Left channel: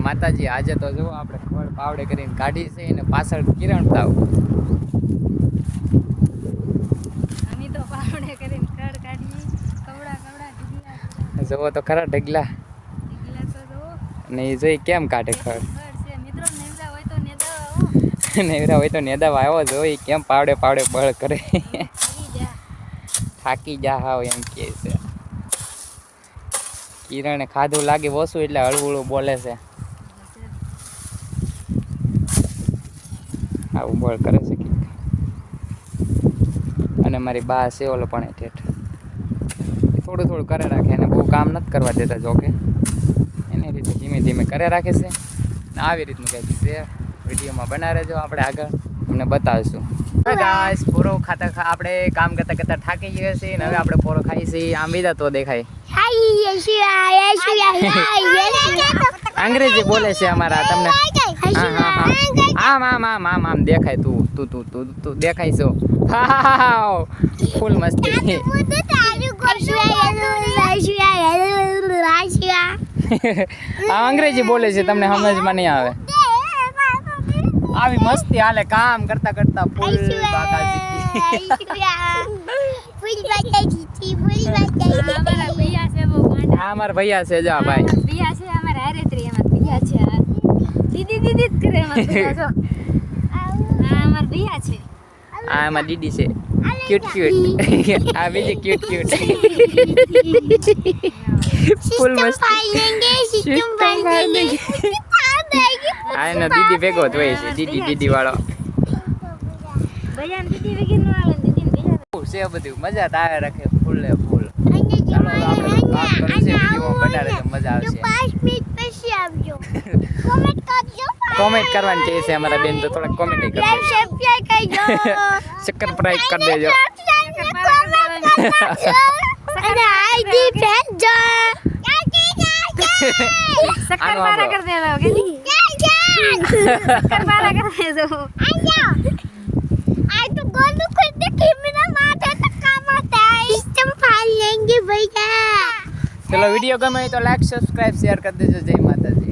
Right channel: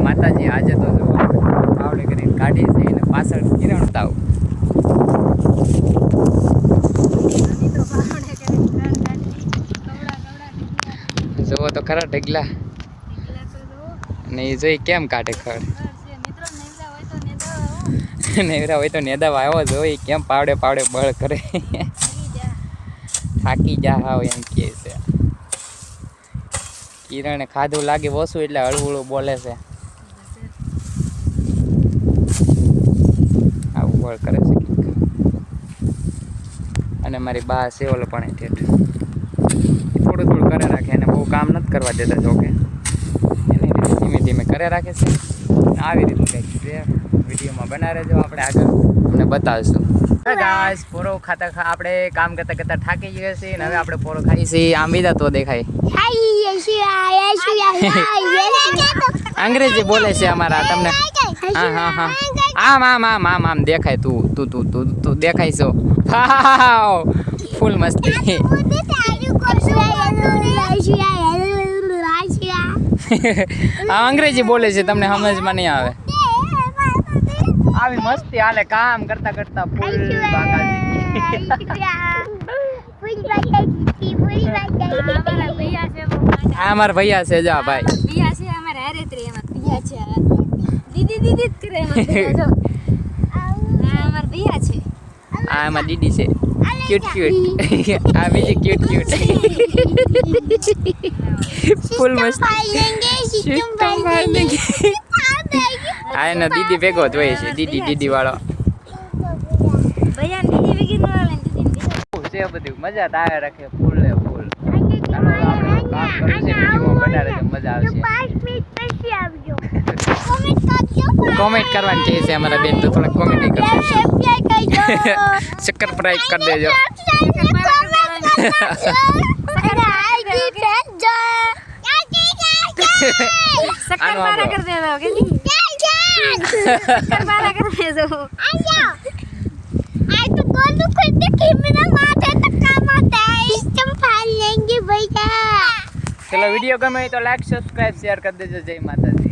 માતાજી આજે તો જો આપણે પાવડે કરીને કાઢી છે અને પાછળ કિરણ તાવ જોવો તો ખરા ઢગલા અને એ જોઈ કેમ કાઢે ખડ નેવરા હોય તો નેદા આવ્યો જોઈ કેમ પાવડે પાવડે બળ કરે થાકી જા હાવ એમ કહે છે કિરણે ખાધું લાગે ઓછું એટલે હળવું બોલે છે આવું બળ કરે છે અને મારી બા છે ઓલો પણ ઠેઠ થોડું થોડું કરે રાખે એને બહુ કામ નથી કરવા દેતા જોકે એને રીતે ધીમે ધીમે કરે રાખે છે આવી રીતનું કંઈક છે વિડીયોમાં બના રહેજો આપણે આગળ તમને બતાવીશું ગાઈસ પોરો ખાતા આપણે કામ કરતા કરતા થાકી ગયા છીએ અને હવે આપણે પોરો ખાઈ છીએ આમ બીજા તો દેખાય અંગ્રેજી બોલે છે અમારા તમને હા હા હા આમ આમ આમ આમ આમ દેખાય તું તું તું તું તું દેખાય છો હા ફૂલ મસ્તી આ અંગ્રેજી બોલે છે તમને સમજમાં નહીં આવે આવી મસ્તી હાલે કામ કરતા કરતા ફૂલ બાકાજી આ અમારા ભૈયા છે જા ભાઈ ભૈયા છે અમારા હારેત્રી એમાં ભૈયા છે દીદી દીદી જ કરે એમાં ભૈયા જો આ અમારા ભૈયા છે આ અમાર દીદી છે ક્યુટ ક્યુટ આ બીજી ક્યુટ ક્યુટ ફૂલ મસ્ત આ એનો દીદી ભેગો જ હોય છે દીદી દીદી વાળો છે બધું મજા તો આવે રાખે ફૂલ ને ફૂલ ચાલો આપણે કામ કરવું છે વિડીયોમાં બના રહેજો મજા આવશે કોમેન્ટ કરવાની કહે છે અમારા બેન તો થોડા કોમેન્ટ કરજો સબસ્ક્રાઇબ કરી દેજો शक्कर कर दे दो शक्कर पारा कर दे दो आज तो गोलू खुद देखी मेरा माथा टक्का मारता है इसम फाड़ लेंगे भैया चलो वीडियो गमे तो लाइक सब्सक्राइब शेयर कर देજો जय माता जी